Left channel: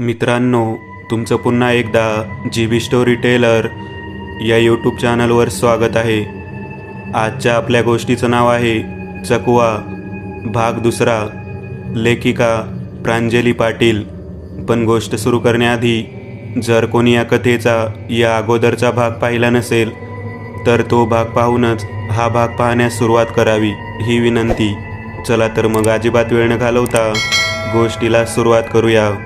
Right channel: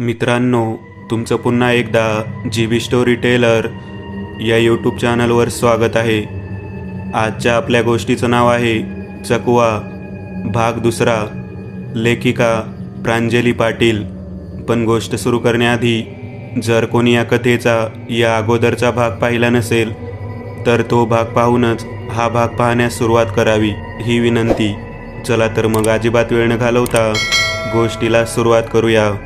मित्रांनो, तुमचं पुन्हा एकदा GB स्टोरी टेलर या यूट्यूब चॅनलवर स्वागत आहे. आजच्या आपल्या गोष्टीचं नाव आहे चकवा, भाग दुसरा. लेखिका प्रांजली पाटील. पण गोष्ट सुरू करण्याआधी जर कोणी या कथेचा या अगोदरचा भाग पाहिला नसेल तर तो भाग पाहूनच हा भाग पाहण्यास सुरुवात करावी, ही विनंती. चला तर मग अजिबात वेळ न घालवता गोष्टीला सुरुवात करूया.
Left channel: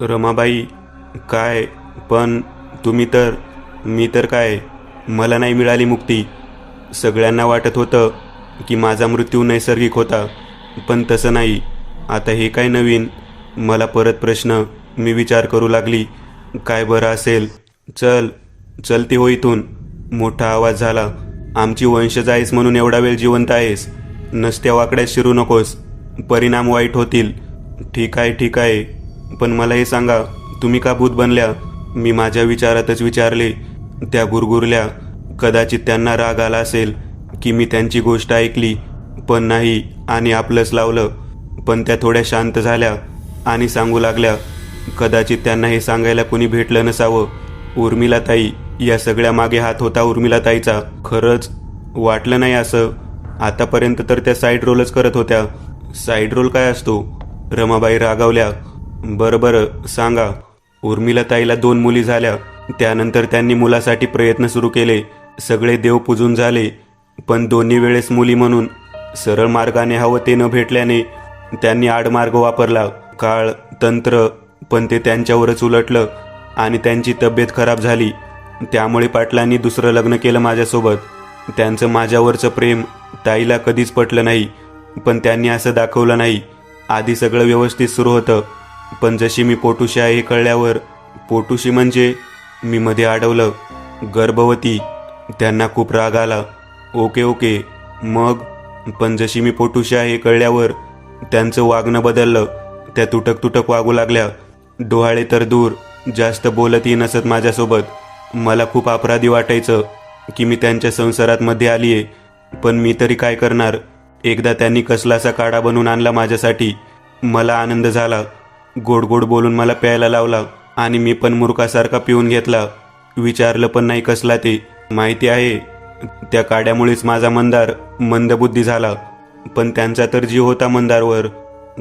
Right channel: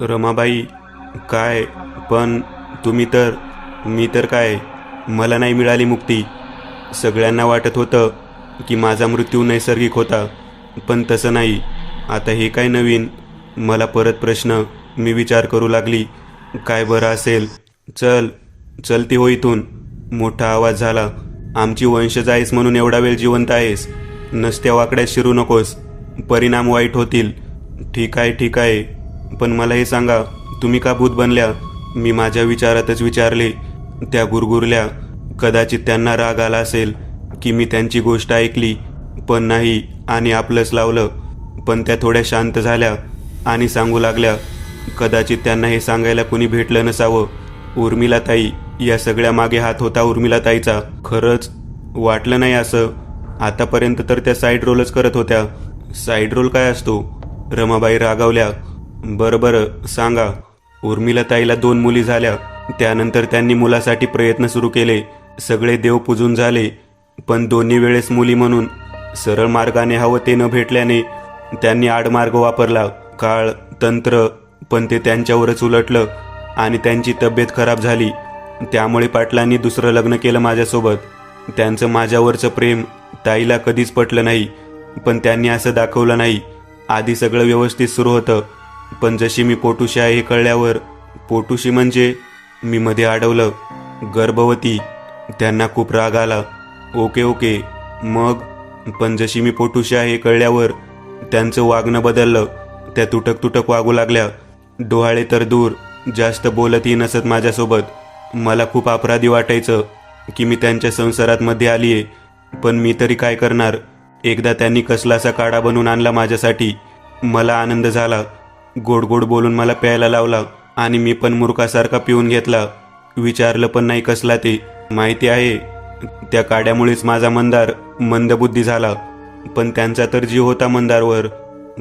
रमाबाई, काय पण मी तर काय, मला नाही मिळाली मुक्ती. सगळ्यांना वाटत होतं की माझा मृत्यू नैसर्गिक होता, पण तसं नाही. आता हे काय नवीन? मला परत प्रश्न. मी विचार करू लागली, काय बरं असेल. चलती हो इथून. मोठा आवाज झाला. आमची वंशज आहेस म्हणून एवढा वेळ जिवंत आहेस. नसत्या वाकड्यात शिरू नकोस, परिणाम वाईट होतील. ठीक आहे, पण मला हे सांगा, तुम्ही का भूत बनल्या? मी माझ्या विचारातच विचारले. त्या गुरगुरल्या. कदाचित त्यांना राग आला असेल की मी त्यांची गोष्ट ऐकली पण नाही आणि आपलंच लावलं. पण त्या थोड्या शांत झाल्या आणि सांगू लागल्या, कदाचित त्यांना हे सांगायला कुणी भेटलं नसावं. उर्मिलाताई, या सगळ्या मागे हात होता उर्मिलाताईचा. खरंच वाटलं नाही असं. आतापर्यंत तर त्या साईड रोलच करत होत्या. साईड रोल काय असतो? रमाबाई रागावल्या. बरं सांगा. उर्मिलाताईला 2 मुली झाल्या. त्यानंतर त्यांनी मुलासाठी प्रयत्न सुरू केले. सगळे देव पूजून झाले, पण दोन्ही वेळेस मुली म्हणून सरळ मार्गाने हवं ते न भेटल्याने त्यांनी आडमार्ग वापरला. काळ, तंत्र, पण ते त्यांच्यावरच उलटलं आणि त्यांची तब्येत खराब झाली. त्यामुळे पाटलांनी दुसरं लग्न केलं माझ्यासोबत. त्यांचं माझ्यावरचं प्रेम ताईला कधीच पटलं नाही, पण त्यांनी असं दाखवलं नाही. आधी सगळं व्यवस्थित सुरू होतं, पण जशी मी पोटुशी आहे हे कळल्यावर. पोटुशी म्हणजे? मी मध्ये अडवलं. गर्भवती. त्यांना खूप राग आला. ओके, मग? पण जशी मी पोटुशी आहे हे कळल्यावर त्यांचं वागणं बदललं. त्या तुटक वागू लागल्या. डोहाळे तर दूर, जास्त बोलतही नसत माझ्यासोबत. मला खूप अपराधी वाटायचं की मी त्यांच्या संसारात मध्ये आलीये, पण मी तरी काय करणार. एकदा त्यांनी कसलासा काढा बनवून आणला माझ्यासाठी. मला आनंद झाला. गोड बोलून मला प्यायला लावला आणि मी पण मूर्खासारखा पिऊन घेतला. विचारलं पण नाही कसला ते. माहिती आहे, त्या काड्यामुळेच माझा मंदार मंदबुद्धी झाला. पण त्यांचा तर जीव होता मंदारवर.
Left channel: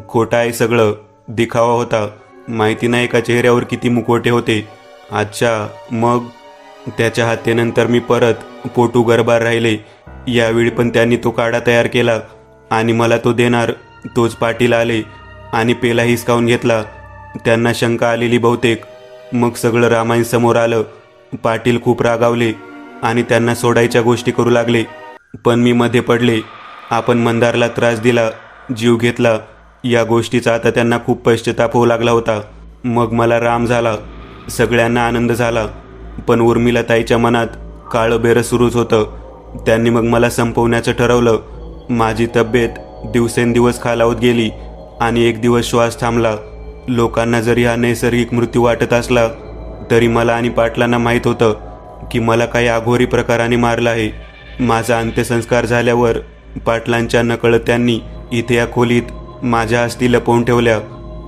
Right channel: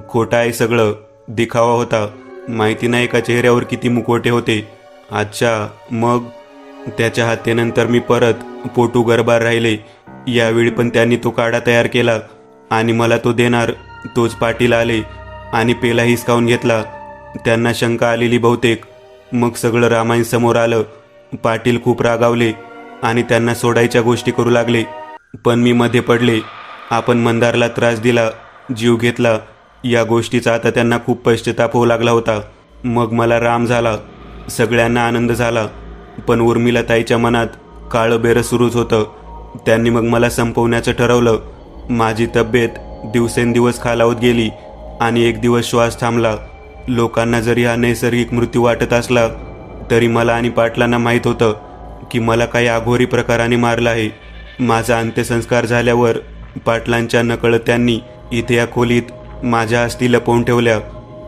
खोटं आहे सगळं, दिखावा होता. माहिती नाही का चेहऱ्यावर किती मुखवटे होते. अच्छा, मग? त्याच्या हत्येनंतर मी परत पोटू गर्भार राहिले. यावेळी पण त्यांनी तो काढा तयार केला आणि मला तो देणार तोच पाटील आले आणि पेला हिसकावून घेतला. त्यांना शंका आलेली बहुतेक. मग सगळं रामायण समोर आलं. पाटील खूप रागावले आणि त्यांना सोडायच्या गोष्टी करू लागले, पण मी मध्ये पडले. आपण मंदारला त्रास दिला, जीव घेतला, या गोष्टीचा आता त्यांना खूप पश्चाताप होऊ लागला होता. मग मला राम झाला. सगळ्यांना आनंद झाला, पण उर्मिलाताईच्या मनात काळं बेरं सुरूच होतं. त्यांनी मग मला संपवण्याचं ठरवलं. माझी तब्येत दिवसेंदिवस खालावत गेली आणि एक दिवस श्वास थांबला. लोकांना जरी हा नैसर्गिक मृत्यू वाटत असला तरी मला आणि पाटलांना माहीत होतं की मला काही अघोरी प्रकाराने मारलं आहे. माझा अंत्यसंस्कार झाल्यावर पाटलांच्या नकळत त्यांनी इथे या खोलीत माझ्या अस्थी लपवून ठेवल्या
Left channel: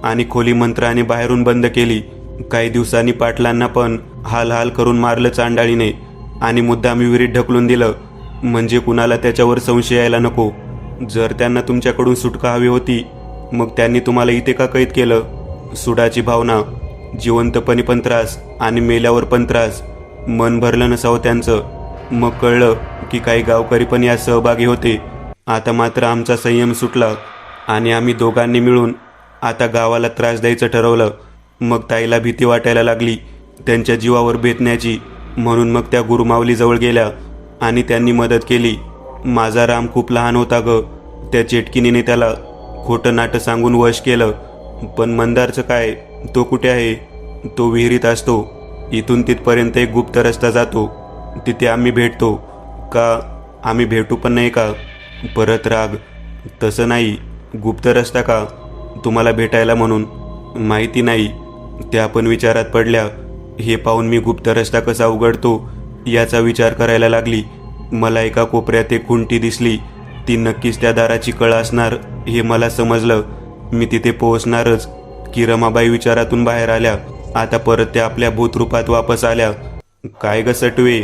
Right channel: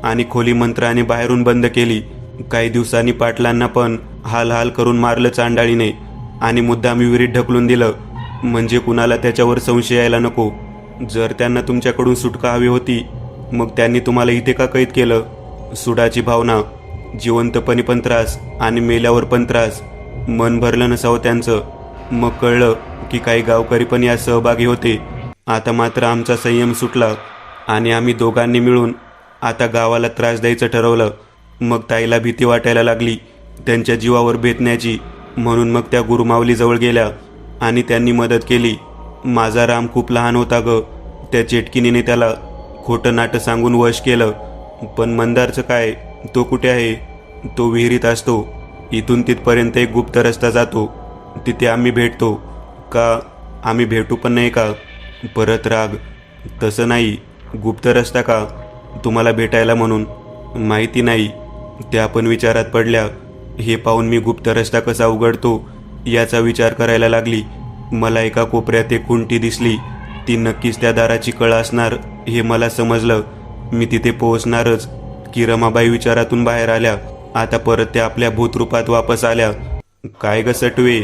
आणि खोली मंत्राने बाहेरून बंद केली. काही दिवसांनी पाटलांना पण हाल करून मारलं चांडाळीने आणि मुद्दामी विहिरीत ढकलून दिलं, म्हणजे कुणाला त्याच्यावर संशय यायला नको. जर त्यांना तुमच्याकडून सुटका हवी होती मग त्यांनी तुम्हाला इथे का कैद केलं? सुडाची भावना, जिवंतपणी पण त्रास आणि मेल्यावर पण त्रास. मन भरलं नसावं त्यांचं. मग कळलं की काही गावकरी पण यात सहभागी होते. आता मात्र आमचा संयम सुटला आणि आम्ही दोघांनी मिळून आता गावाला त्रास द्यायचं ठरवलं. मग ताईला भीती वाटायला लागली त्यांच्या जीवावर बेतण्याची, म्हणून मग त्या गुरुमावलीजवळ गेल्या आणि त्यांनी मदत केली. माझा राम खूप लहान होता ग. त्या चेटकिनीने त्याला खोटं नाटं सांगून वश केलं. पण मंदारचं काय? तो कुठे आहे? तो विहिरीत असतो. इथून तिथपर्यंत एक गुप्त रस्ता जातो, तिथे आम्ही भेटतो. का आम्ही भेटू पण नाही का? परत राग. तसं नाही, गुप्त रस्ता का? तुम्हाला भेटायला म्हणून. माहिती नाही त्या पण विचारात पडल्या. हे पाहून मी गुप्त रस्ता कसा उघडतो याचा विचार करायला लागली. मला एका कोपऱ्यात एक खुंटी दिसली. ती नक्कीच त्या दाराची कळ असणार हे मला समजलं. मी तिथे पोहोचणारच की रमाबाई विचारातून बाहेर आल्या. आता परत त्या आपल्या भूतरूपात वापस आल्या. काय ग सटवे,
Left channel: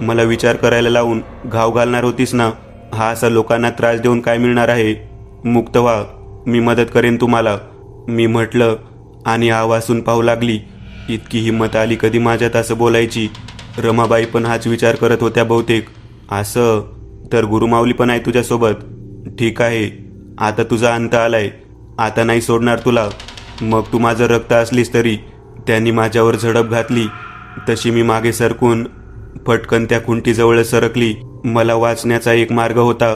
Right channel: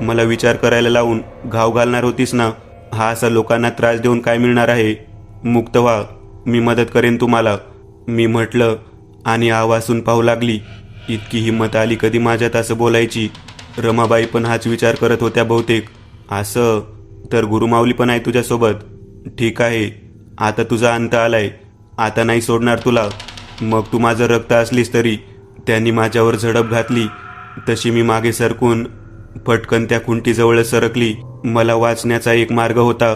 मला विचार करायला लावून घाव घालणार होतीस ना? हा असा लोकांना त्रास देऊन काय मिळणार आहे? मुक्त व्हा, मी मदत करेन तुम्हाला, मी म्हटलं आणि आवासून पाहू लागली. इतकी हिंमत आली कधी माझ्यात असं बोलायची? रमाबाई पण हाच विचार करत होत्या बहुतेक. असं तर गुरुमाऊली पण आहे तुझ्यासोबत. ठीक आहे, आता तुझा अंत आलाय, आता नाही सोडणार तुला. मग तू माझं रक्त असलीस तरी. त्यांनी माझ्यावर झडप घातली तशी मी मागे सरकून फटकन त्या खुंटीजवळ सरकली. मला वाचण्याचा एक मार्ग होता,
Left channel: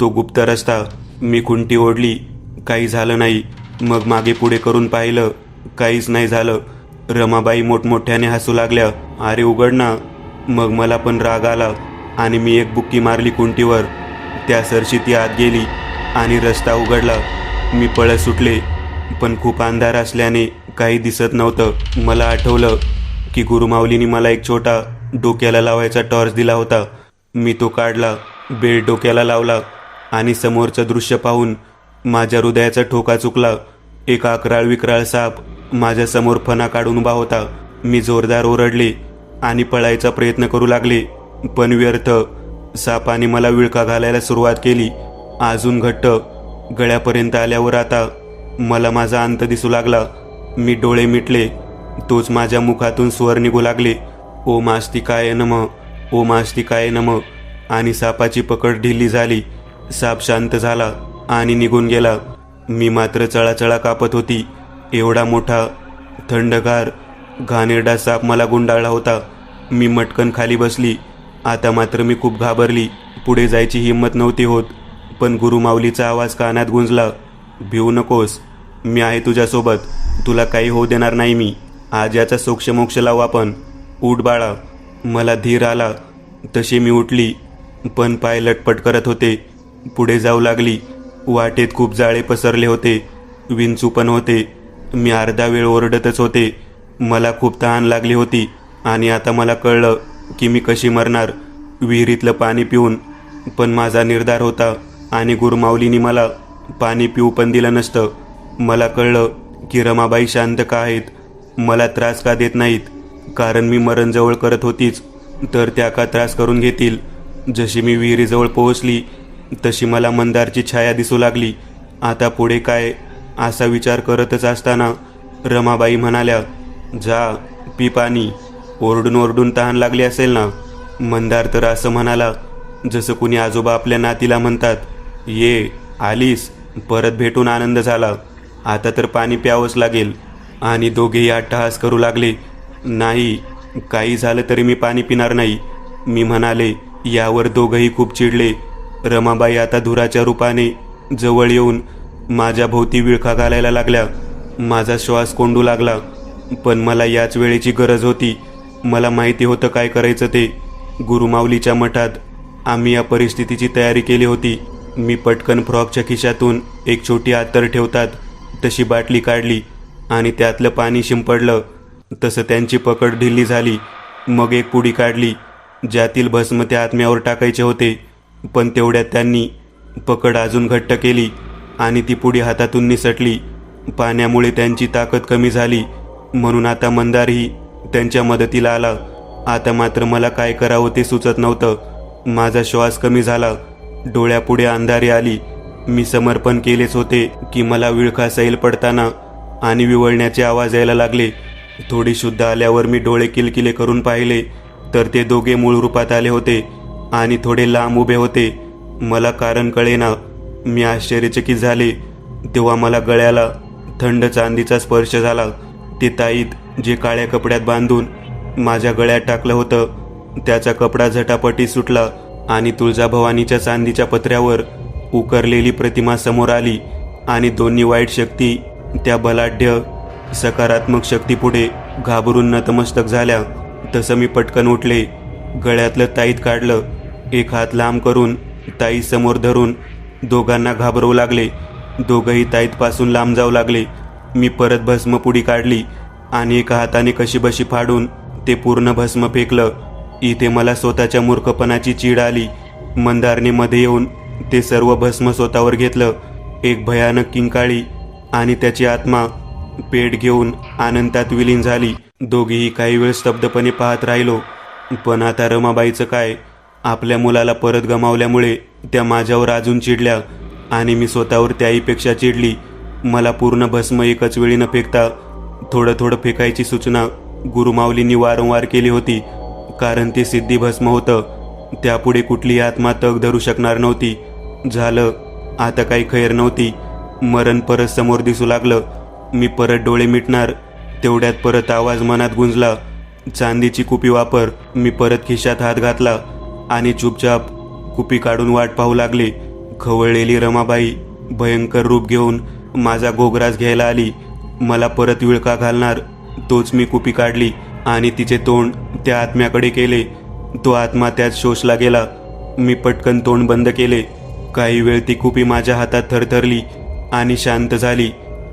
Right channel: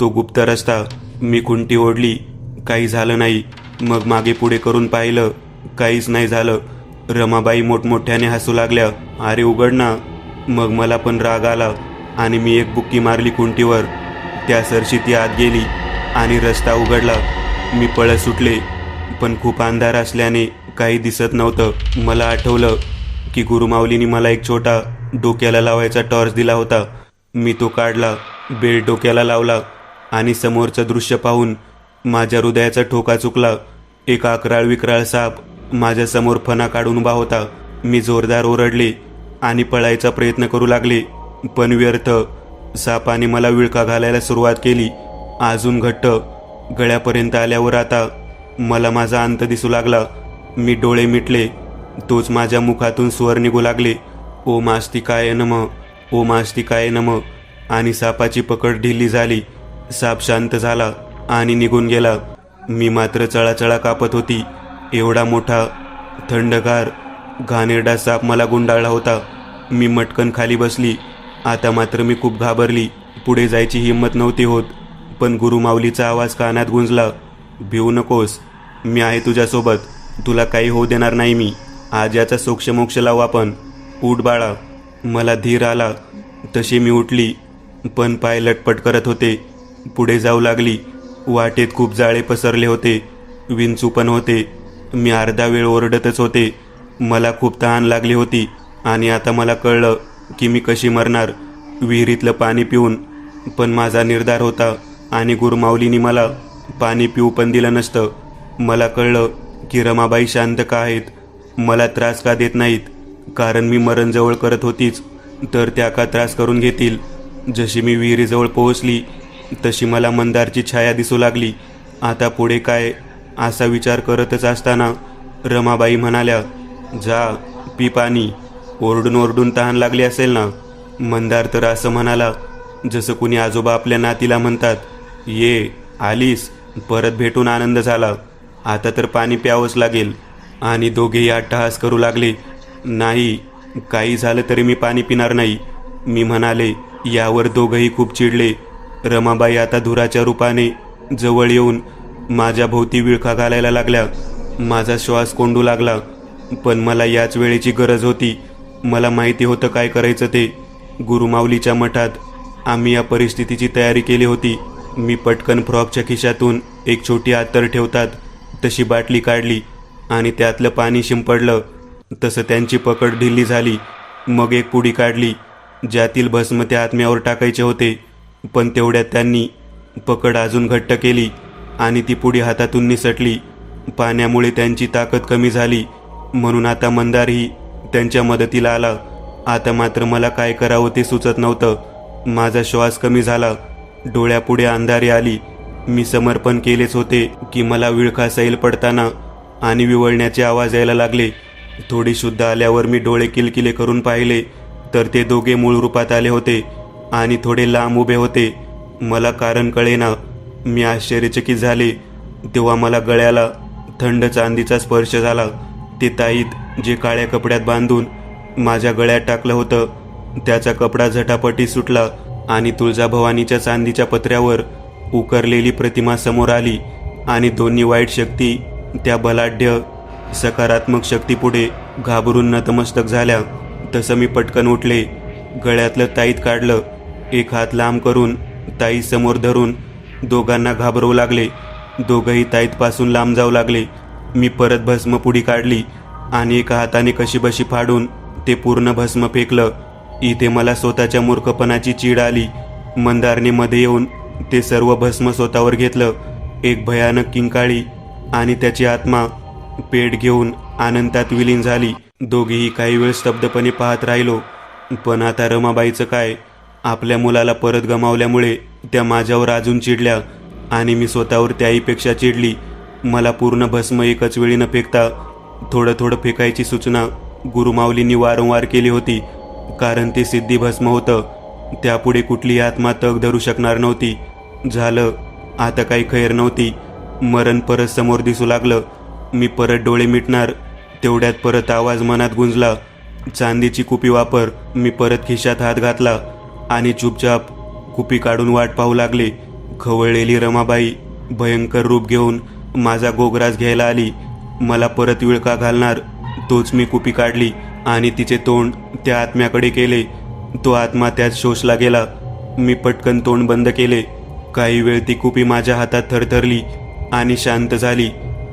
तो गुप्त रस्ता. मी खुंटी ओढली, काही झालं नाही. मग मागे पुढे करून पाहिलं, काहीच नाही झालं. रमाबाई मोठमोठ्याने हसू लागल्या. अरे उघड ना. मग मला पण राग आला आणि मी एक बुक्की मारली खुंटीवर. त्या सरशी ती आत गेली आणि रस्ता उघडला. मी पळत सुटले, पण खूप अंधार असल्याने काही दिसत नव्हतं. मला आठवलं की गुरुमाऊलीने मला एक छोटा डोक्याला लावायचा टॉर्च दिला होता. मी तो काढला, बेल्ट डोक्याला लावला आणि समोरचं दृश्य पाहून माझ्या हृदयाचा ठोका चुकला. एक अकराळ विक्राळ साप माझ्या समोर फणा काढून उभा होता. मी जोरदार ओरडले आणि पळायचा प्रयत्न करू लागले, पण व्यर्थ. सापाने मला विळखा घालायला सुरुवात केली, अजून घट्ट. गळ्यापर्यंत आल्यावर आता मला माझा अंत दिसू लागला. मी डोळे मिटले, तोच माझ्या मुखातून स्वर निघू लागले, ओम आस्तिकाय नमः, ओम आस्तिकाय नमः. आणि सापाची पकड ढिली झाली. साप शांत झाला आणि निघून गेला. मी मात्र चळाचळा कापत होती. एवढा मोठा, थंडगार, घाणेरडा साप मला गुंडाळला होता. मी मटकन खाली बसली. आता मात्र मी खूप घाबरली. पुढे जायची हिंमत नव्हती होत. पण गुरुमाऊलीचा आवाज कानात गुंजला, भिवू नकोस, मी आहे तुझ्यासोबत, तुला काही होऊ देणार नाही मी. आज याचा सोक्षमोक्ष लावू आपण. उठ बाळा. मला धीर आला तशी मी उठली, पण पाय लटपट करत होते. पुढे जाऊ लागली. वाटेत खूप जाळे पसरले होते, विंचू पण होते. मी अर्धा वेळ ओरडतच होते. मला खूप तहान लागली होती आणि आता मला कळलं की मी कशी मरणार, विहिरीतलं पाणी पिऊन. पण माझा निर्धार होता आणि गुरुमाऊलीने मला पाणी पिऊ पण दिलं नसतं. मला कळलं की रमाबाई शांत का आहेत, मला त्रास का देत नाहीत. कारण मी मरण जवळ करत होतीच, तर त्या का त्रास करून घेतील. जशी मी विहिरीजवळ पोहोचली तशी मला मंदारची छाया दिसू लागली. आता पुढे काय, असा विचार करतच असताना रमाबाई म्हणाल्या, जा पी पाणी. ओरडून ओरडून तहान लागली असेल ना. मंदार तर असं म्हणाला जसं कुणी आजोबा आपल्या नातीला म्हणतात, ये आलीस, परत भेटून आनंद झाला, आता तर पाणी प्यावंच लागेल. आणि दोघेही अट्टहास करू लागले. नाही, काही झालं तरी मी पाणी पिणार नाही, मी म्हणाले. यावर दोघंही खूप चिडले. रमाबाई आता धुराच्या रूपाने जवळ येऊन माझ्या भोवती विळखा घालायला लागल्या. माझा श्वास कोंडू लागला, पण मला याच वेळेची गरज होती. मला माहिती होतं काय करायचं ते. गुरुमाऊलीच्या मठात आम्ही या परिस्थितीची तयारी केली होती. मी पटकन फ्रॉकच्या खिशातून एक छोटी अत्तर ठेवतात तशी बाटली काढली आणि त्यातलं पाणी शिंपडलं. तसं त्यांची पकड ढिली झाली. मग एक पुडी काढली ज्यातील भस्म त्या आत्म्यावर टाकायचे होते, पण तेवढ्यात त्यांनी पकड अजून घट्ट केली आणि ती पुडी हातातून निसटली. पाण्यामुळे त्यांची ताकद कमी झाली, म्हणून आता मंदारही त्यांच्या मदतीला आला. आता मात्र मला काय करावं ते सुचत नव्हतं. माझा श्वास कमी झाला, डोळ्यापुढे अंधारी आली. मी समर्पण केलेच होते की मला विळखा सैल पडताना आणि विवळण्याचे आवाज यायला लागले. थोडी शुद्ध आल्यावर मी डोळे किलकिले करून पाहिले तर ते दोघे मूळ रूपात आले होते आणि थोडे लांब उभे होते. मला कारण कळेना. मी आश्चर्यचकित झाले. तेव्हा मला गळ्याला थंड चांदीचा स्पर्श झाला. ते ताईत जे काळ्या कपड्यात बांधून माझ्या गळ्यात टाकलं होतं त्याचा कपडा झटापटी सुटला आणि तुळजाभवानीच्या चांदीच्या पत्र्यावर उकरलेली प्रतिमा समोर आली. आणि दोन्ही वाईट शक्ती त्या बलाढ्य सकारात्मक शक्तीपुढे घाबरून नतमस्तक झाल्या. तसं मी पटकन उठले, गळ्यातलं ताईत काढलं, एक हात लांब करून ताई समोर धरून दोघांना घाबरवू लागले. दोघंही ताईतपासून लांब जाऊ लागले. मी परत भस्मपुडी काढली आणि एका हाताने कशीबशी फाडून ते पूर्ण भस्म फेकलं. इथे मला स्वतःच्या मूर्खपणाची चीड आली. मंदारने मध्ये येऊन ते सर्व भस्म स्वतःवर घेतलं. एक भयानक किंकाळी आणि त्याची आत्मा पेट घेऊन अनंतात विलीन झाली. दोघेही काही वेळ स्तब्धपणे पाहत राहिलो. पण आता रमाबाईचं काय? आपल्या मुलाला परत गमावल्यामुळे त्या माझ्यावर अजून चिडल्या आणि मी स्वतःवर त्याहीपेक्षा चिडली. मला पूर्ण भस्म एकच वेळी न फेकता थोडं थोडं फेकायची सूचना गुरुमाऊलींनी वारंवार केली होती, कारण ते सिद्धी भस्म होतं. त्यापुढे कुठलीही आत्मा तग धरू शकणार नव्हती. झालं, आता काही खैर नव्हती. मरण परत समोर दिसू लागलं. मी परत डोळे मिटणार तेवढ्यात परत आवाज मनात गुंजला, चांदीची कुपी वापर. मी परत खिशात हात घातला आणि चुपचाप कुपी काढून वाट पाहू लागले. खवळलेली रमाबाई भयंकर रूप घेऊन माझा गोगराज घ्यायला आली. मला परत विळखा घालणार तोच मी कुपी काढली आणि तिचे तोंड त्या आत्म्याकडे केले. तो आत्मा त्यात शोषला गेला. मी पटकन तोंड बंद केले. काही वेळ ती कुपी माझ्या हातात थरथरली आणि शांत झाली.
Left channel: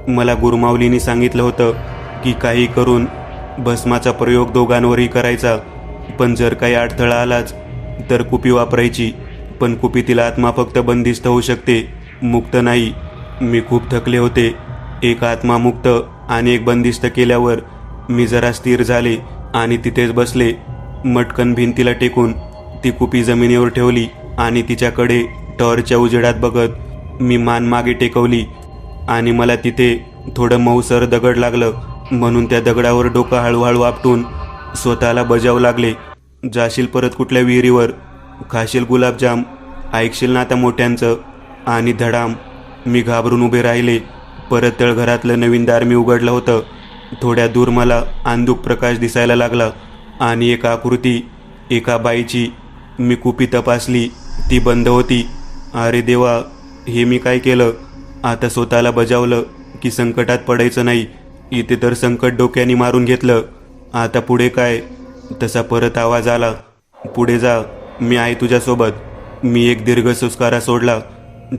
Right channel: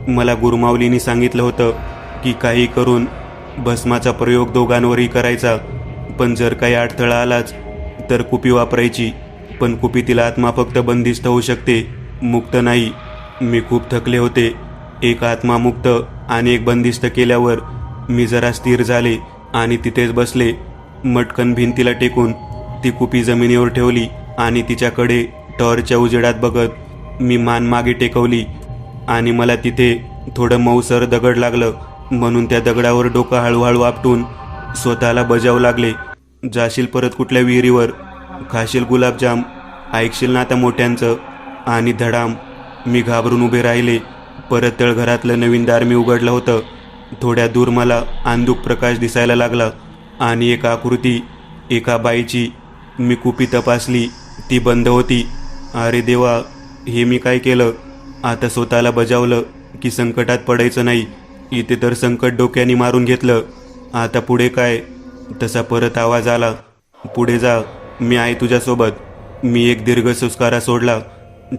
मला गुरुमाऊलींनी सांगितलं होतं की काही करून भस्माचा प्रयोग दोघांवरही करायचा, पण जर काही अडथळा आलाच तर कुपी वापरायची. पण कुपीतील आत्मा फक्त बंदिस्त होऊ शकते, मुक्त नाही. मी खूप थकले होते. एक आत्मा मुक्त आणि एक बंदिस्त केल्यावर मी जरा स्थिर झाले आणि तिथेच बसले. मटकन भिंतीला टेकून ती कुपी जमिनीवर ठेवली आणि तिच्याकडे टॉर्चच्या उजेडात बघत मी मान मागे टेकवली. आणि मला तिथे थोडं मऊसर दगड लागलं, म्हणून त्या दगडावर डोकं हळूहळू आपटून स्वतःला बजावू लागले. जाशील परत कुठल्या विहिरीवर, खाशील गुलाबजाम, ऐकशील ना आता मोठ्यांचं. आणि धडाम, मी घाबरून उभे राहिले. परत तळघरातलं नवीन दार मी उघडलं होतं. थोड्या दूर मला अंधुक प्रकाश दिसायला लागला आणि एक आकृती, एका बाईची. मी कुपी तपासली, ती बंद होती. अरे देवा, हे मी काय केलं? आता स्वतःला बजावलं की संकटात पडायचं नाही. इथे तर संकट डोक्याने मारून घेतलं. आता पुढे काय? तसा परत आवाज आला, पुढे जा, मी आहे तुझ्यासोबत. मी एक दीर्घ सुस्कारा सोडला.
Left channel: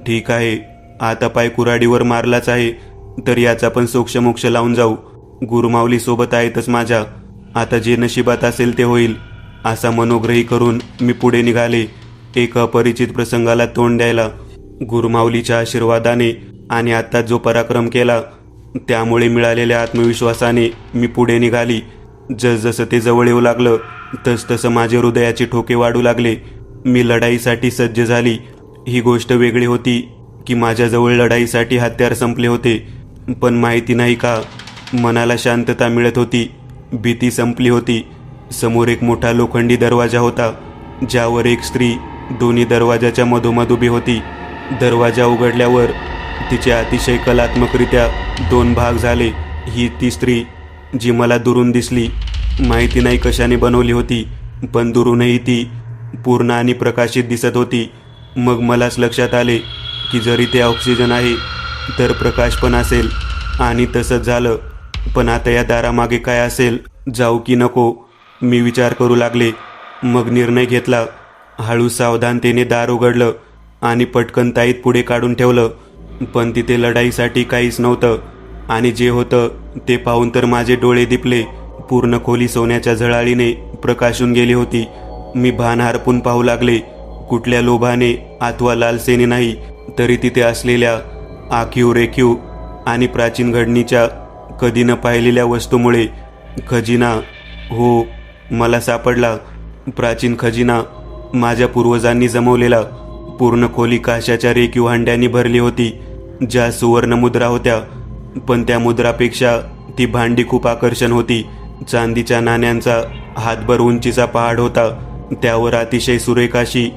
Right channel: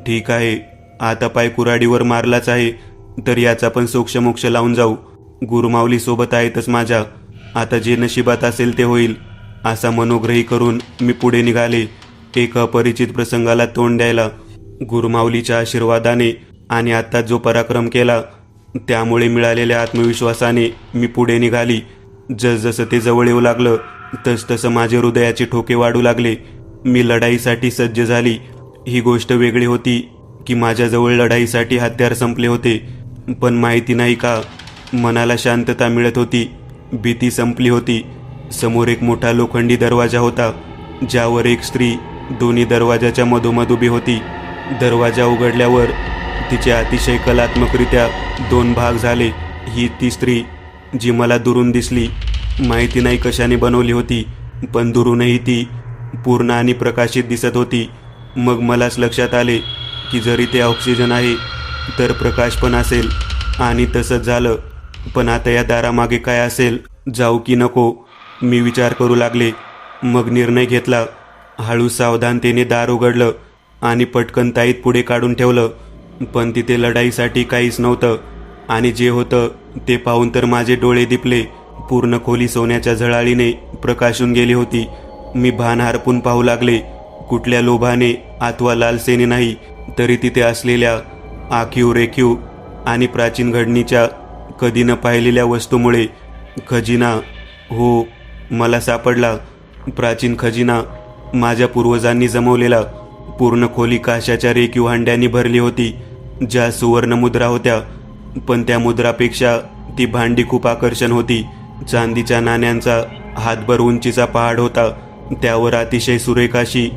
ठीक आहे, आता पाय कुऱ्हाडीवर मारलाच आहे तर याचा पण सोक्षमोक्ष लावून जाऊ. गुरुमाऊली सोबत आहेतच माझ्या. आता जे नशिबात असेल ते होईल, असा मनोग्रही करून मी पुढे निघाले, एक अपरिचित प्रसंगाला तोंड द्यायला. गुरुमाऊलीच्या आशीर्वादाने आणि आता जो पराक्रम केला त्यामुळे मिळालेल्या आत्मविश्वासाने मी पुढे निघाली. जसजसं ते जवळ येऊ लागलं तसतसं माझे हृदयाचे ठोके वाढू लागले. मी लढाईसाठी सज्ज झाली. ही गोष्ट वेगळी होती की माझ्याजवळ लढाईसाठी हत्यार संपले होते. पण माहिती नाही का, मनाला शांतता मिळत होती. भीती संपली होती. समोर एक मोठा लोखंडी दरवाजा होता, ज्यावर एक स्त्री दोन्ही दरवाजाच्या मधोमध उभी होती. दरवाजा उघडल्यावर तिचे अतिशय कलात्मकरित्या दोन भाग झाले. ही ती स्त्री जी मला दुरून दिसली. माहिती नाही कशाने बनवली होती, पण दुरूनही ती पूर्ण आणि प्रकाशित दिसत होती. मग मलाच लक्षात आले की जरी ते ऑक्सिजन आहे तर प्रकाश पण असेल, आणि तसंच झालं. पण आता या दारामागे काय असेल? जाऊ की नको, मी विचार करू लागले. मग निर्णय घेतला. हळू सावधानतेने दार उघडलं आणि पटकन ताईत पुढे काढून ठेवलं. पण तिथे लढाईसाठी काहीच नव्हतं, आणि जे होतं ते पाहून तर माझे डोळे दिपले. पूर्ण खोली सोन्याच्या झळाळीने प्रकाशून गेली होती. मी भान हरपून पाहू लागले. कुठल्या लोभाने अथवा लालसेने नाही, तरी तिथे असलेल्या आखीव रेखीव आणि प्राचीन घडणीच्या कधी न पाहिलेल्या वस्तूमुळे खजिना, हो, मला सापडला. प्राचीन खजिना, माझ्या पूर्वजांनी जमवलेला. पूर्ण खोली काशाच्या रेखीव हंड्यांनी भरली होती, ज्या सुवर्ण मुद्रा होत्या. पण त्या मुद्रापेक्षा ती भांडी खूप आकर्षण होती. चांदीच्या नाण्यांचा हातभर उंचीचा पहाड होता. त्यावर अतिशय सुरेख अशी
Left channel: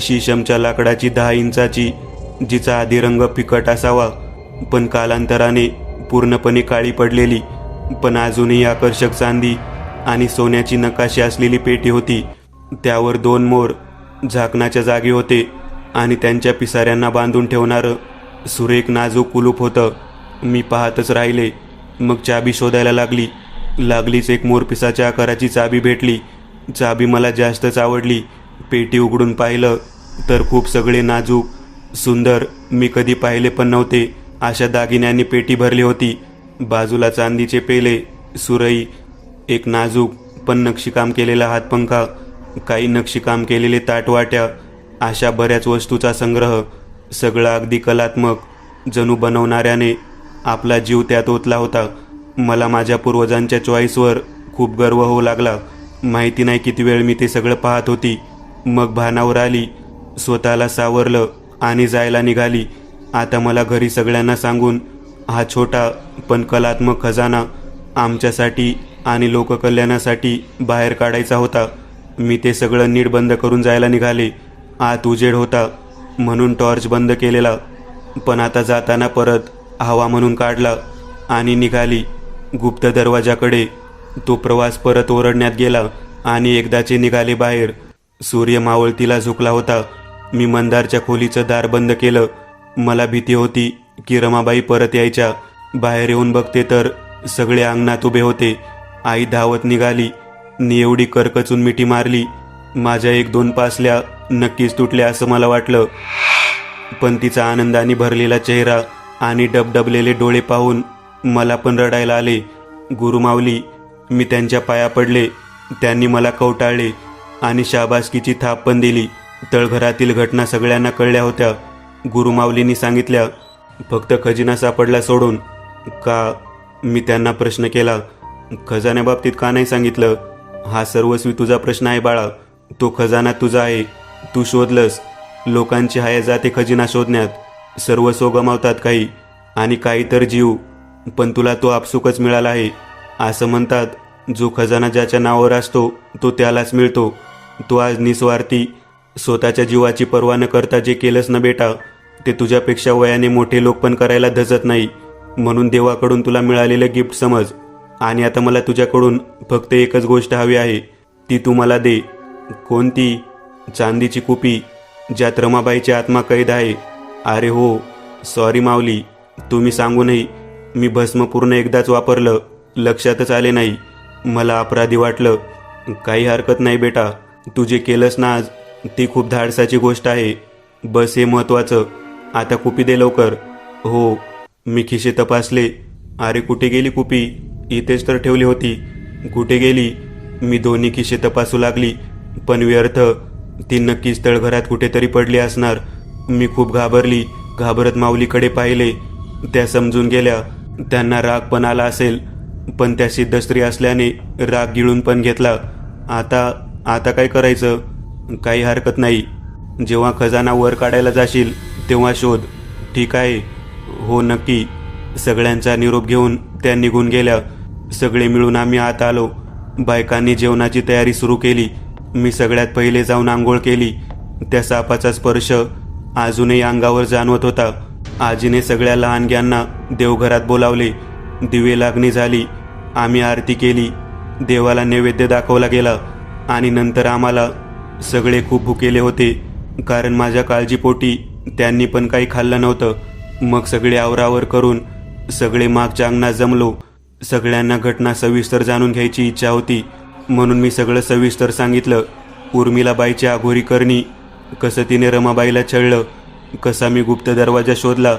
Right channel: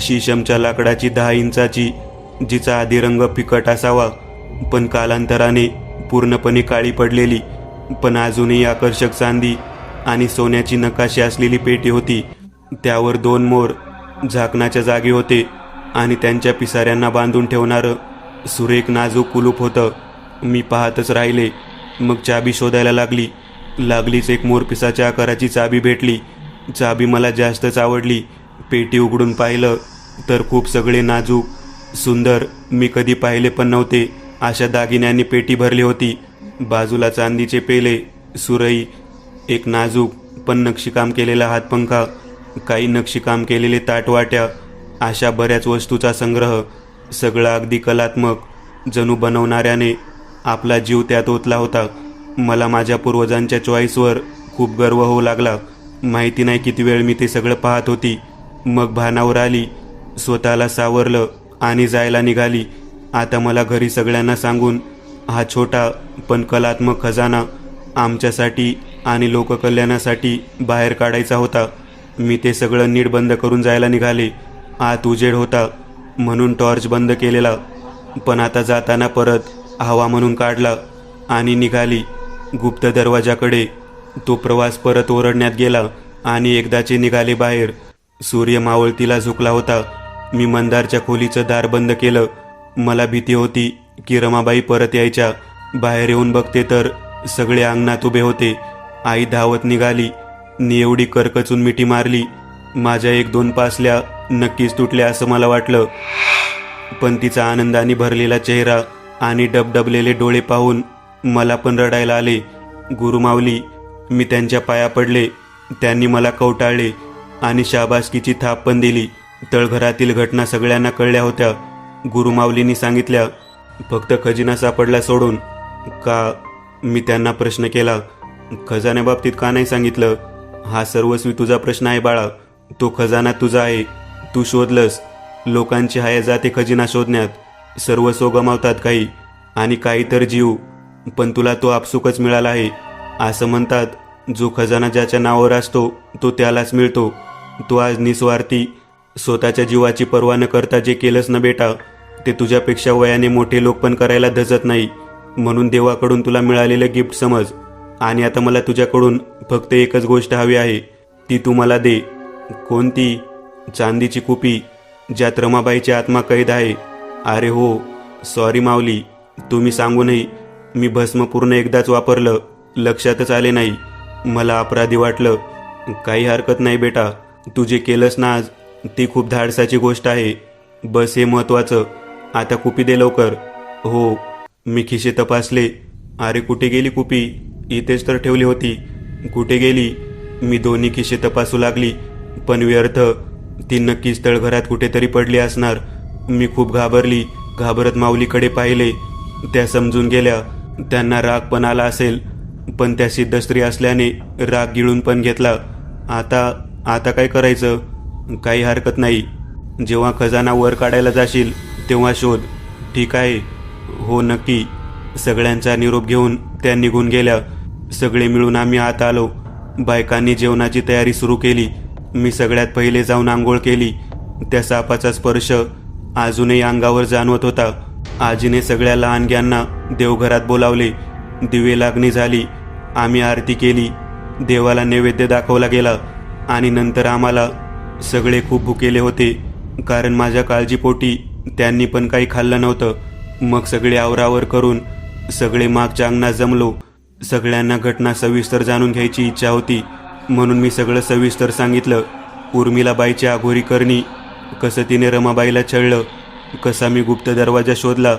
शीशमच्या लाकडाची 10 इंचाची, जिचा आधी रंग फिकट असावा पण कालांतराने पूर्णपणे काळी पडलेली, पण अजूनही आकर्षक चांदी आणि सोन्याची नकाशी असलेली पेटी होती. त्यावर 2 मोर झाकणाच्या जागी होते आणि त्यांच्या पिसाऱ्यांना बांधून ठेवणारं सुरेख नाजूक कुलूप होतं. मी पाहतच राहिले. मग चाबी शोधायला लागलीच एक मोरपिसाच्या आकाराची चाबी भेटली. चाबी मला जास्तच आवडली. पेटी उघडून पाहिलं तर खूप सगळे नाजूक, सुंदर, मी कधी पाहिले पण नव्हते अशा दागिन्यांनी पेटी भरली होती. बाजूला चांदीचे पेले, सुरई, एक नाजूक पण नक्षीकाम केलेला हातपंखा, काही नक्षीकाम केलेले ताटवाट्या, अशा बऱ्याच वस्तूचा संग्रह. सगळं अगदी कलात्मक, जणू बनवणाऱ्याने आपला जीव त्यात ओतला होता. मला माझ्या पूर्वजांच्या चॉईसवर खूप गर्व होऊ लागला. माहिती नाही किती वेळ मी ते सगळं पाहत होती. मग भानावर आली, स्वतःला सावरलं आणि जायला निघाली. आता मला घरी सगळ्यांना सांगून हा छोटा पण कलात्मक खजाना आमच्यासाठी आणि लोककल्याणासाठी बाहेर काढायचा होता. मी ते सगळं नीट बंद करून जायला निघाले. आत उजेड होता म्हणून टॉर्च बंद केलेला, पण आता जाताना परत हवा म्हणून काढला आणि निघाली गुप्त दरवाजाकडे. तो प्रवास परत ओरडण्यात गेला आणि एकदाचे निघाले बाहेर. सूर्य मावळतीला झुकला होता. मी मंदारच्या खोलीचं दार बंद केलं. मला भीती होती की रमाबाई परत यायच्या. बाहेर येऊन बघते तर सगळे अंगणात उभे होते. आई धावत निघाली नि एवढी करकचून मिठी मारली. माझ्या 1-2 पासल्या नक्कीच तुटल्या असं मला वाटलं. पण तिचा आनंदाने भरलेला चेहरा आणि डबडबलेले डोळे पाहून मला पण रडायला आले. गुरुमाऊली, मी त्यांच्या पाया पडले. त्यांनी मला कवटाळले आणि शाबासकीची थाप पण दिली. तळघरातील घटना सगळ्यांना कळल्या होत्या. गुरुमाऊलींनी सांगितल्या, फक्त खजिना सापडला सोडून. का? मी त्यांना प्रश्न केला. खजान्याबाबतीत का नाही सांगितलं? हा सर्वस्वी तुझा प्रश्न आहे बाळा. तो खजाना तुझा आहे. तू शोधलंस. लोकांची हया जाते खजिना शोधण्यात. सर्वस्व गमावतात काही आणि काही तर जीव. पण तुला तो आपसुकच मिळाला आहे. असं म्हणतात, जो खजाना ज्याच्या नावावर असतो तो त्यालाच मिळतो. तू आज निस्वार्थी, स्वतःच्या जीवाची पर्वा न करता जे केलंस ना बेटा, ते तुझ्यापेक्षा वयाने मोठे लोक पण करायला धजत नाही. म्हणून देवाकडून तुला मिळालेलं गिफ्ट समज. आणि आता मला तुझ्याकडून फक्त एकच गोष्ट हवी आहे, ती तू मला दे. कोणती? चांदीची कुपी ज्यात रमाबाईची आत्मा कैद आहे. अरे हो, सॉरी माऊली, तुम्ही सांगूनही मी भस्म पूर्ण एकदाच वापरलं, लक्षातच आले नाही. मला अपराधी वाटलं. काही हरकत नाही बेटा, तू जे केलंस ना आज, ती खूप धाडसाची गोष्ट आहे. बस हे महत्वाचं. आता कुपी दे लवकर. हो. मी खिशे तपासले. अरे कुठे गेली कुपी? इथेच तर ठेवली होती. कुठे गेली? मी दोन्ही खिशे तपासू लागली, पण व्यर्थ. ती नक्कीच तळघरात कुठेतरी पडली असणार. मी खूप घाबरली. घाबरत माऊलीकडे पाहिले. त्या समजून गेल्या. त्यांना राग पण आला असेल, पण त्या सिद्ध स्त्री असल्याने राग गिळून पण घेतला. आता काय करायचं? काही हरकत नाही. जेव्हा खजाना वर काढायला जाशील तेव्हा शोध. ठीक आहे? हो नक्की. सगळ्यांचा निरोप घेऊन त्या निघून गेल्या. सगळे मिळून आम्ही आत आलो. बायकांनी जेवणाची तयारी सुरू केली. मी सगळ्यात पहिले जाऊन आंघोळ केली. त्या सापाचा स्पर्श अजूनही अंगावर जाणवत होता. आजीने सगळ्या लहानग्यांना देवघरात बोलावले. दिवे लागणी झाली. आम्ही आरती केली. देवाला नैवेद्य दाखवला गेला आणि नंतर आम्हाला. सगळे खूप भुकेले होते, कारण माझ्या काळजीपोटी त्यांनी पण काही खाल्लं नव्हतं. मग सगळे आवरावर करून सगळे मागच्या अंगणात जमलो. सगळ्यांना घटना सविस्तर जाणून घ्यायची इच्छा होती, म्हणून मी सगळं सविस्तर सांगितलं. उर्मिलाबाईची अघोरी करणी, कसं तिने रमाबाईला छळलं, कसा मी गुप्त दरवाजा शोधला,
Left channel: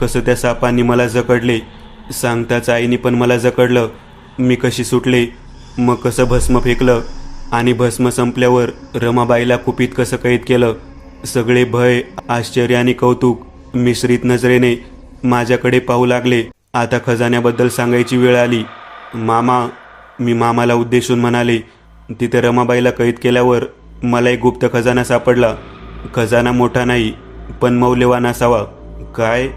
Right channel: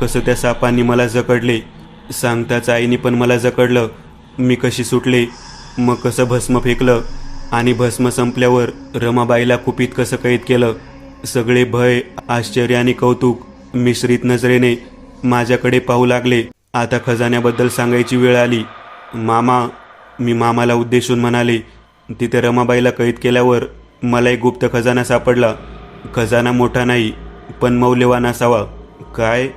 कसं त्या सापांनी मला जकडले, सांगताच आईने पण मला जकडलं. मी कशी सुटले, मग कसं भस्म फेकलं आणि भस्म संपल्यावर रमाबाईला कुपीत कसं कैद केलं. सगळे भय, आश्चर्य आणि कौतुक मिश्रित नजरेने माझ्याकडे पाहू लागले. आता खजान्याबद्दल सांगायची वेळ आली. मामा, मी मामाला उद्देशून म्हणाले, तिथे रमाबाईला कैद केल्यावर मला एक गुप्त खजाना सापडला. खजाना मोठा नाही, पण मौल्यवान असावा. काय?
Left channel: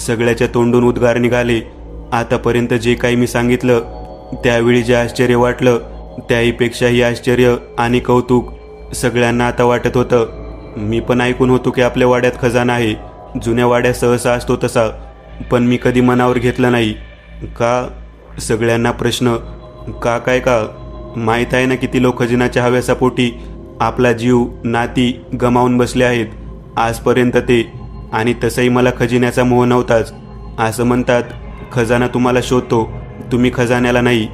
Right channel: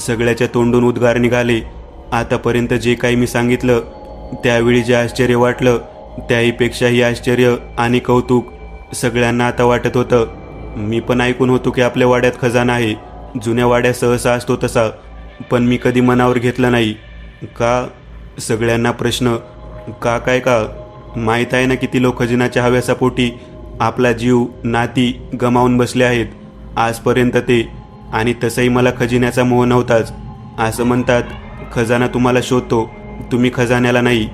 सगळ्याच्या तोंडून उद्गार निघाले. आतापर्यंत जे काही मी सांगितलं, त्यावेळी जे आश्चर्य वाटलं, त्याहीपेक्षाही आश्चर्य आणि कौतुक सगळ्यांना आता वाटत होतं. मी पण ऐकून होतो की आपल्या वाड्यात खजाना आहे. जुन्या वाड्या सहसा असतो तसा, पण मी कधी मनावर घेतलं नाही. का? सगळ्यांना प्रश्न. का काय का? माहीत आहे ना किती लोक खजिनाच्या हव्यासापोटी आपला जीव, नाती गमावून बसले आहेत आजपर्यंत ते. आणि तसंही मला खजिन्याचा मोह नव्हताच. असं म्हणतात, खजाना तुम्हाला शोधतो, तुम्ही खजान्याला नाही,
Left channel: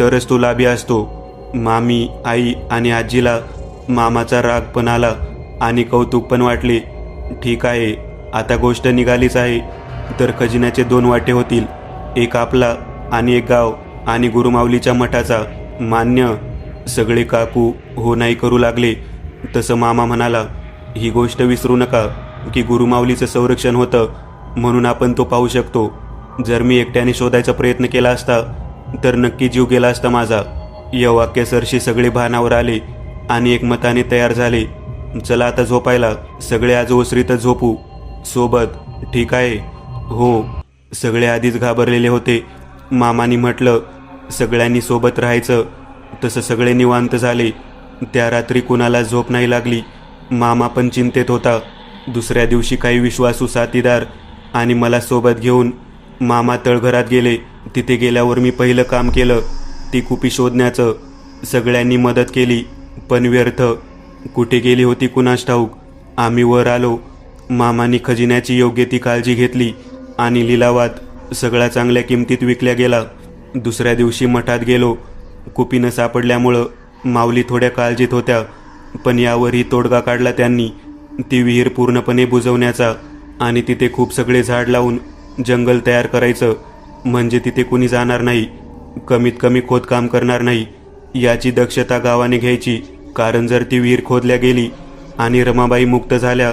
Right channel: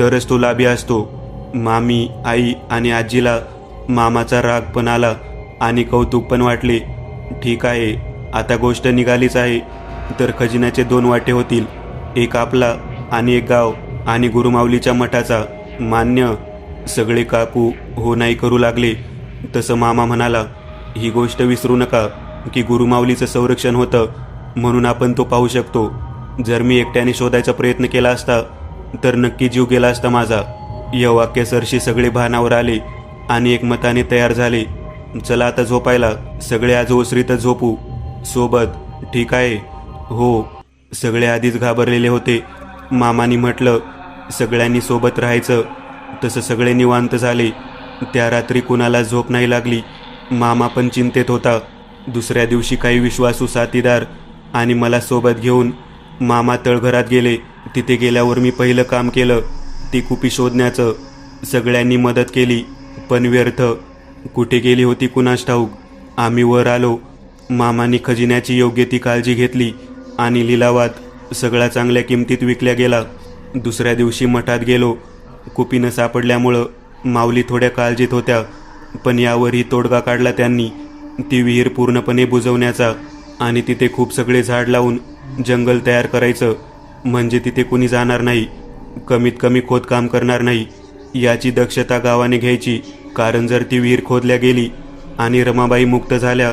तरच तो लाभी असतो. मामी, आई आणि आजीला मामाचा राग पण आला आणि कौतुक पण वाटले. ठीक आहे, आता गोष्ट निघालीच आहे. तर खजिन्याचे 2 वाटे होतील, एक आपला आणि एक गाव आणि गुरुमाऊलीच्या मठाचा. मान्य. सगळे काकू हो नाही करू लागले. तसं मामा म्हणाला, ही गोष्ट विसरू नका की गुरुमाऊलीचं संरक्षण होतं म्हणून आपण तो पाहू शकतो. जर मी एकट्याने शोधायचा प्रयत्न केला असता तर नक्की जीव गेला असता माझा. या वाक्यासरशी सगळे भानावर आले आणि एकमताने तयार झाले. चला आता झोपायला. सगळे आज ओसरीतच झोपू. सोबत. ठीक आहे? हो. सगळे आधीच घाबरलेले होते. मामानी म्हटलं, सगळ्यांनी सोबत राहायचं. तसं सगळे निवांत झाले. त्या रात्री कुणाला झोप नाही लागली. मामा पण चिंतेत होता. दुसऱ्या दिवशी काही विश्वासू साथीदार आणि मला सोबत घेऊन मामा तळघरात गेले. तिथे गेल्यावर मी पहिलं काम केलं ती कुपी शोधण्याचं. सगळ्यांनी मदत केली पण व्यर्थ. कुठे गेली होती कुणास ठाऊक. आम्ही वर आलो. मामानी खजिन्याची योग्य ती काळजी घेतली आणि लिलावात सगळा चांगल्या किमतीत विकल्या गेला. दुसऱ्या दिवशी मठात गेलो. कुपी न सापडल्यामुळं माऊली थोड्या काळजीत होत्या, पण यावरही तोडगा काढला त्यांनी. ती विहीर पूर्णपणे बुजवण्याचा आणि तिथे खूप सगळे झाड लावून जंगल तयार करायचं, म्हणजे तिथे कोणी जाणार नाही, कमीत कमी खोदकाम करणार नाही याची दक्षता गावाने घ्यायची. कारण जर ती विहीर खोदल्या गेली आणि रमाबाई मुक्त झाल्या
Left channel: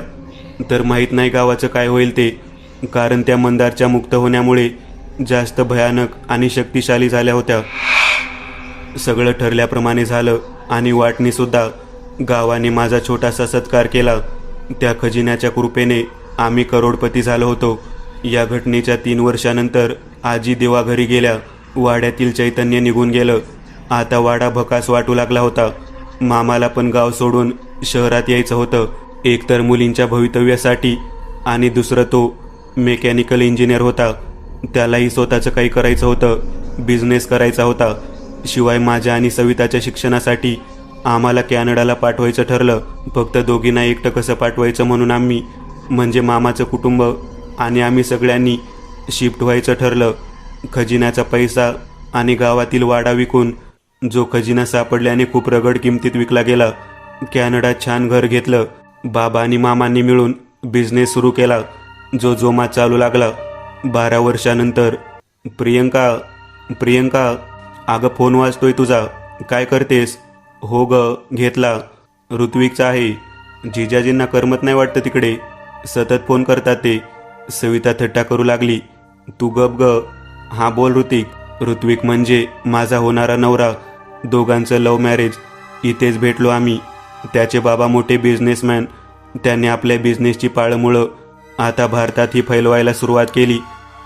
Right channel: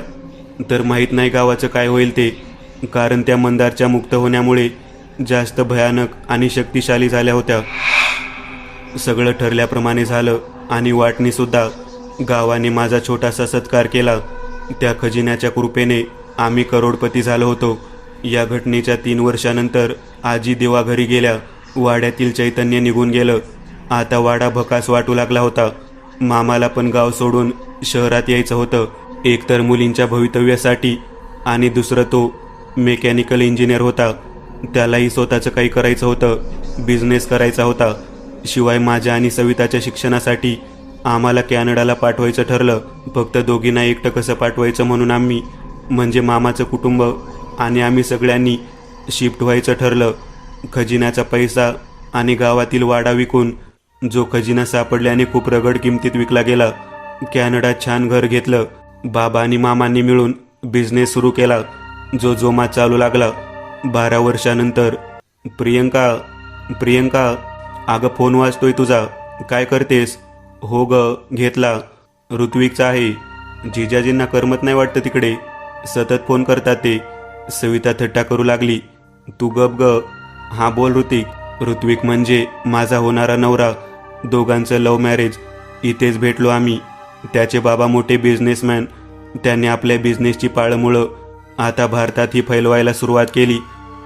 तर माहीत नाही गावाचं काय होईल ते. कारण त्या मंदारच्या मुक्त होण्यामुळे जास्त भयानक आणि शक्तिशाली झाल्या होत्या. सगळं ठरल्याप्रमाणे झालं आणि वाटणीसुद्धा. गावाने माझा छोटासा सत्कार केला. त्या खजिन्याच्या कृपेने आम्ही करोडपती झालो होतो. या घटनेच्या 3 वर्षानंतर आजी देवाघरी गेल्या. वाड्यातील चैतन्य निघून गेलं. आता वाडा भकास वाटू लागला होता. मामाला पण गाव सोडून शहरात यायचं होतं, एक तर मुलींच्या भवितव्यासाठी आणि दुसरं तो मेकॅनिकल इंजिनियर होता. त्यालाही स्वतःचं काही करायचं होतं, बिझनेस करायचा होता. शिवाय माझ्या आणि सविताच्या शिक्षणासाठी आम्हाला कॅनडाला पाठवायचं ठरलं. फक्त दोघींना एकटं कसं पाठवायचं म्हणून आम्ही, म्हणजे मामाचं कुटुंब आणि आम्ही सगळ्यांनी शिफ्ट व्हायचं ठरलं. खजिन्याचा पैसा आणि गावातील वाडा विकून जो खजिना सापडल्याने खूप रगड किमतीत विकला गेला. कॅनडात छान घर घेतलं. बाबा आणि मामांनी मिळून बिझनेस सुरू केला, जो जोमात चालू लागला. 12 वर्षानंतर. प्रियंका, प्रियंका, अगं फोन वाजतोय तुझा, काय करतेस? हो ग, घेतला. ऋत्विकचा आहे. जिजाजींना करमत नाही वाटतं तिकडे, सतत फोन करतात ते. सविता थट्टा करू लागली. तू गप ग. हा बोल ऋतिक. ऋत्विक म्हणजे माझा होणारा नवरा. दोघांचं लव्ह मॅरेज. इथेच भेटलो आम्ही. त्याचे बाबा मोठे बिझनेसमॅन. त्याने आपल्या बिझनेसची पाळंमुळं आता भारतातही फैलवायला सुरुवात केली.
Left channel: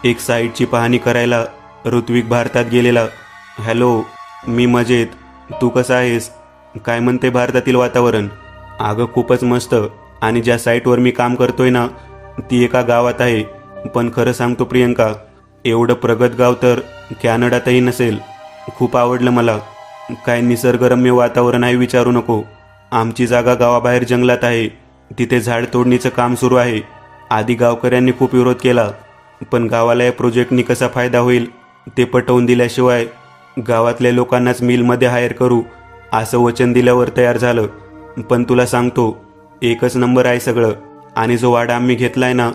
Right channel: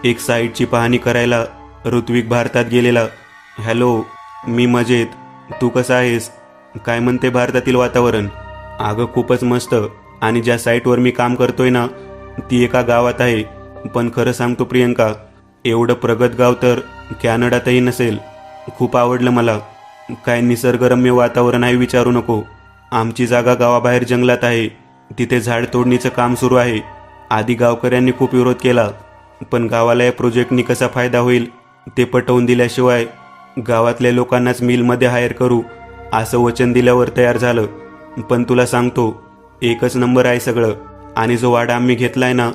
एक साईटची पाहणी करायला ऋत्विक भारतात गेलेला. हॅलो, मी मजेत. तू कसा आहेस? काय म्हणते भारतातील वातावरण? अगं खूपच मस्त. आणि ज्या साईटवर मी काम करतोय ना, ती एका गावात आहे. पण खरं सांगतो प्रियंका, एवढं प्रगत गाव तर कॅनडातही नसेल. खूप आवडलं मला. काय निसर्गरम्य वातावरण आहे विचारू नको. आमची जागा गावाबाहेर जंगलात आहे. तिथे झाड तोडणीचं काम सुरू आहे. आधी गावकऱ्यांनी खूप विरोध केला, पण गावाला या प्रोजेक्टनी कसा फायदा होईल ते पटवून दिल्याशिवाय गावातल्या लोकांनाच मिलमध्ये हायर करू असं वचन दिल्यावर तयार झालं. पण तुला सांगतो, एकच नंबर आहे सगळं. आणि जो वाडा आम्ही घेतलाय ना,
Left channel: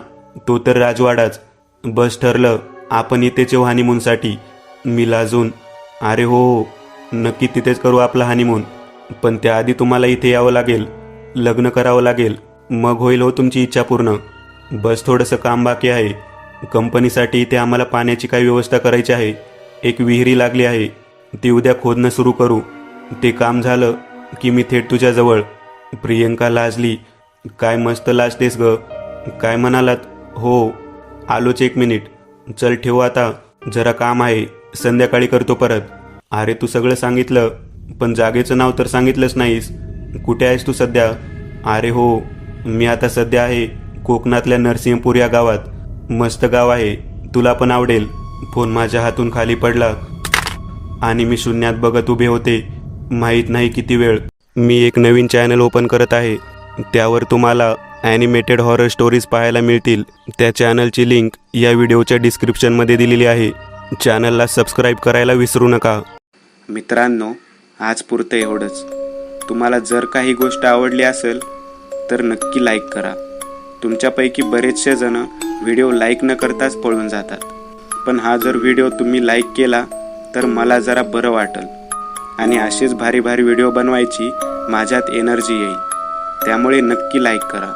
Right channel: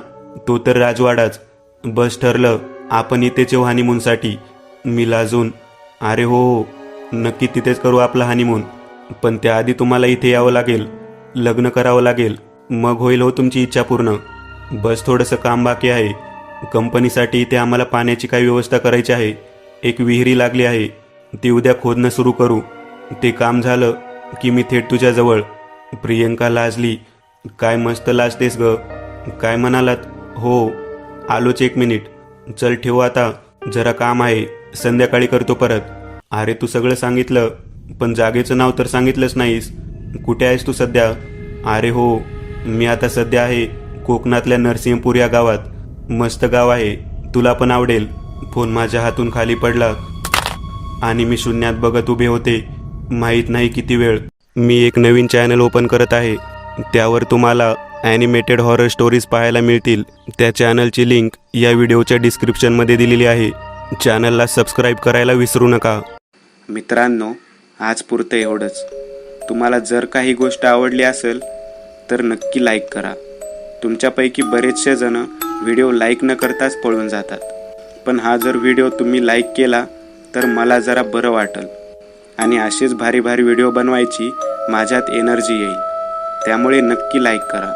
तो तर राजवाडाच. बस ठरलं, आपण इथेच येऊ हनीमूनसाठी. मी लाजून, अरे हो हो, नक्की तिथेच करू आपला हनीमून. पण त्याआधी तुम्हाला इथे यावं लागेल, लग्न करावं लागेल, मग होईल हो तुमची इच्छा पूर्ण. बस थोडंसं काम बाकी आहे. कंपनीसाठी इथे आम्हाला पाण्याची काही व्यवस्था करायची आहे. एक विहिरी लागली आहे, ती उद्या खोदणं सुरू करू. ते काम झालं की मी थेट तुझ्याजवळ. प्रियंका लाजली. काय मस्त लाजतेस ग. काय म्हणालात? हो, आलोच 1 मिनिट. चल ठेवू आता, जरा काम आहे, संध्याकाळी करतो परत. अरे तू सगळं सांगितलं, पण जागेचं नाव तर सांगितलंच नाहीस. कुठे आहेस तू सध्या? अरे हो, मी आता सध्या आहे कोकणातल्या नरसिंहपूर या गावात. मस्त गाव आहे, तुला पण आवडेल. फोन माझ्या हातून खाली पडला आणि मी शून्यात बघत उभे होते. माहीत नाही किती वेळ. मी एक नवीन चॅनल ओपन करत आहे. त्यावर तुम्हाला ॲनिमेटेड हॉरर स्टोरीज पाहायला मिळतील. त्या चॅनलची लिंक या व्हिडिओच्या डिस्क्रिप्शनमध्ये दिलेली आहे. चॅनलला सबस्क्राईब करायला विसरू नका. मित्रांनो, आज पुरतं एवढंच. तुम्हाला जर काही गोष्ट आवडली असेल तर नक्की लाईक करा. तुमच्यापैकी बरेचसे जण व्हिडिओ लाईक न करताच पळून जातात. पण हा जर व्हिडिओ तुम्ही लाईक केला तर मला जरा बरं वाटेल आणि असेच भारी भारी व्हिडिओ बनवायची माझ्यात एनर्जी येईल. त्यामुळे नक्की लाईक करा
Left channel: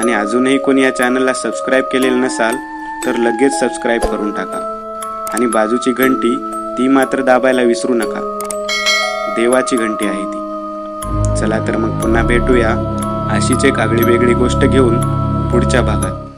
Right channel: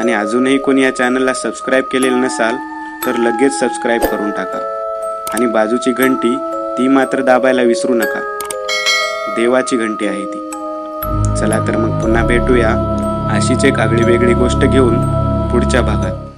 आणि अजूनही कोणी या चॅनलला सबस्क्राईब केलेलं नसाल तर लगेच सबस्क्राईब करून टाका आणि बाजूची घंटी ती मात्र दाबायला विसरू नका. देवाची घंटी आहे ती. चला तर मग पुन्हा भेटूया अशीच एक आगळी वेगळी गोष्ट घेऊन पुढच्या भागात.